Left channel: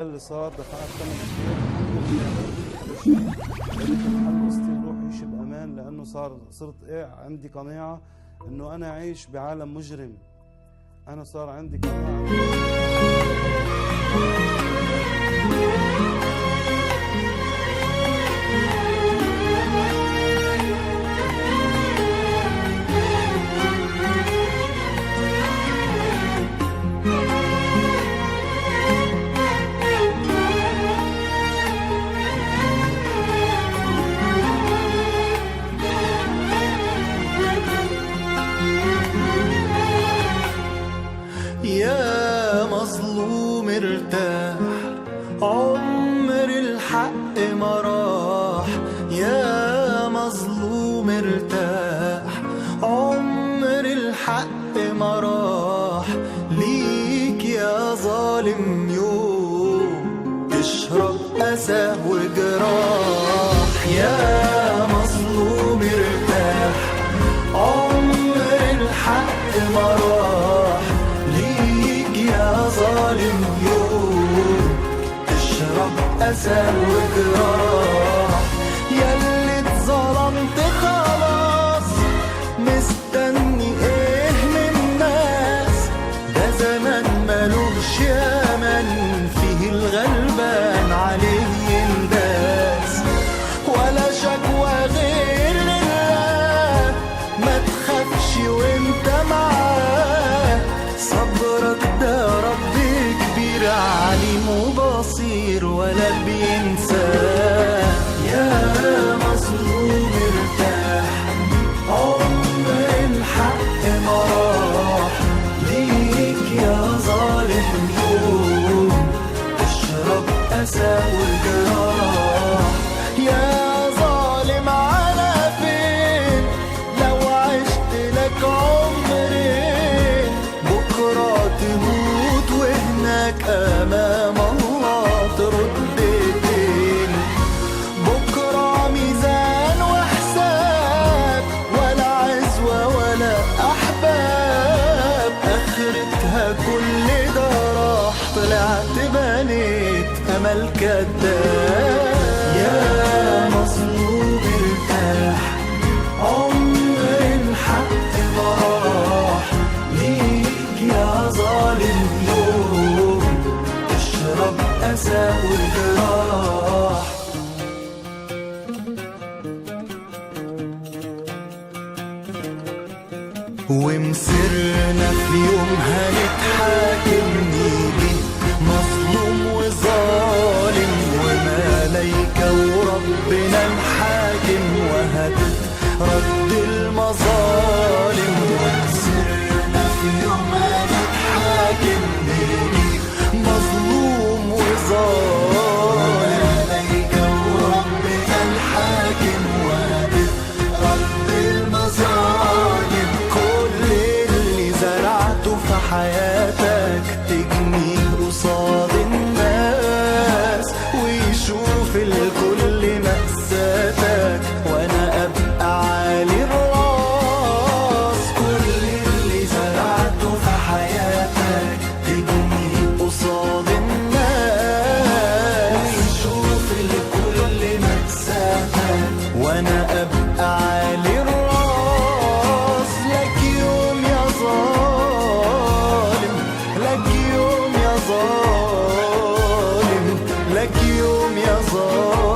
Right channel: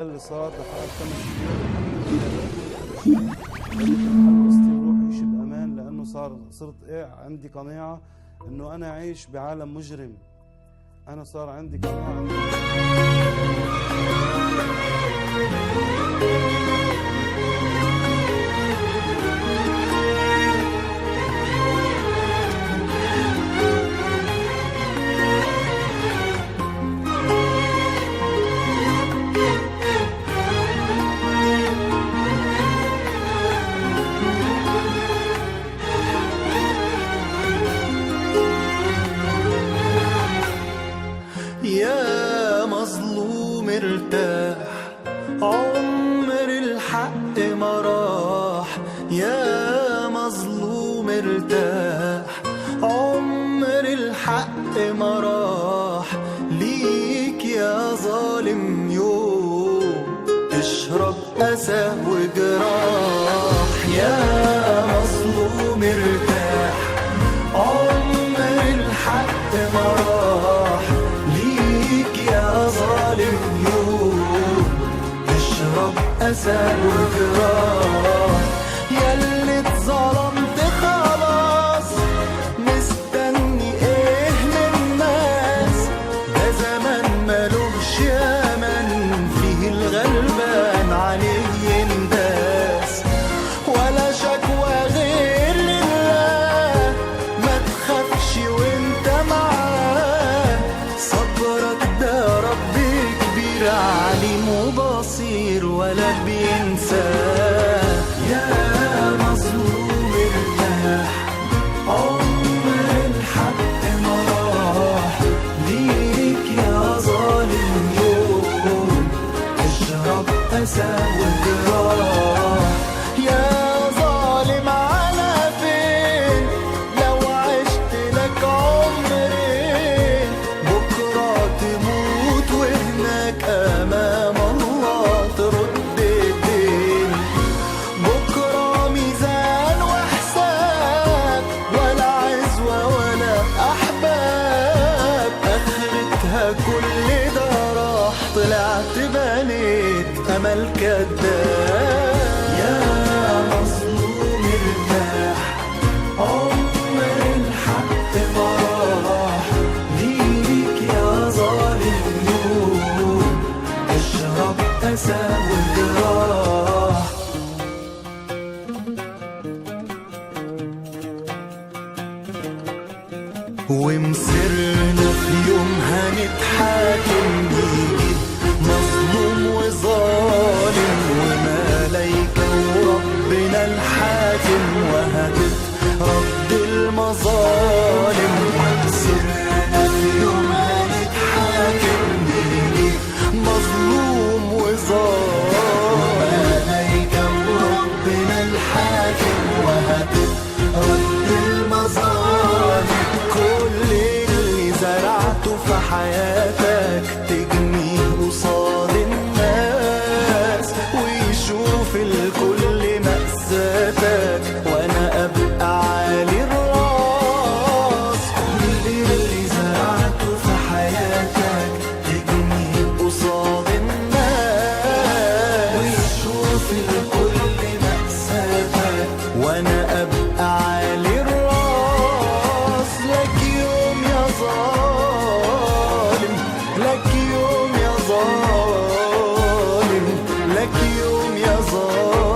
اللي صار دفعت ثمن كبير. الحمد لله بدي هذا الشيء، بدي محل قصتي وروح اعيش بامان، لانه صرت عندي قناعه انه انا عايش بعالم مجرم. انا صار عندي قناعه يا مظلوم ارتاح، عمر الحق ما راح. يا مظلوم ارتاح، عمر الحق ما راح. ليك يا ظالم يوم تشرب أسى وجراح. يا مظلوم ارتاح، عمر الحق ما راح. يا ظالم يوم تشرب أسى وجراح. ياللي اتظلمت خلاص، مستني ايه من الناس؟ ده زمان ملوش يمن، فيه الغلبان عليه ينداس. ولا شكوى غير لله، ما تخافش وانت معاه. صبرك ده رب كبير، عليم وبصير ولا بينساه. يا مظلوم ارتاح، عمر الحق ما راح. ليك يا ظالم يوم تشرب أسى وجراح. يا ظالم على فين لو عشت لك عمرين؟ بكرة تموت وهناك أمام الله ترد الدين. بكرة ميزان وحساب، ولا عزوة ولا أحباب. آخرتها كل ده راح، طلعت بنيت أمل كداب. يا مظلوم ارتاح، عمر الحق ما راح. ليك يا ظالم يوم تشرب أسى وجراح. ومسرنا في يوم هنتحاكم، نيجي مظلوم وظالم وملايكة وربنا الحاكم، وهتترد المظالم. ومسرنا في يوم هنتحاكم، نيجي مظلوم وظالم، ملايكة وربنا الحاكم، وهتترد المظالم. كل اللي زرعته في حياتك تجنيه قصاد الناس، ويشوف الكل مأساتك وانا ابقى عالي الراس. كل اللي زرعته في حياتك تجنيه قصاد الناس، ويشوف الكل مأساتك وانا ابقى عالي الراس. لك يوم يا ظالم، لك يوم يا ظالم، لك يوم يا ظالم.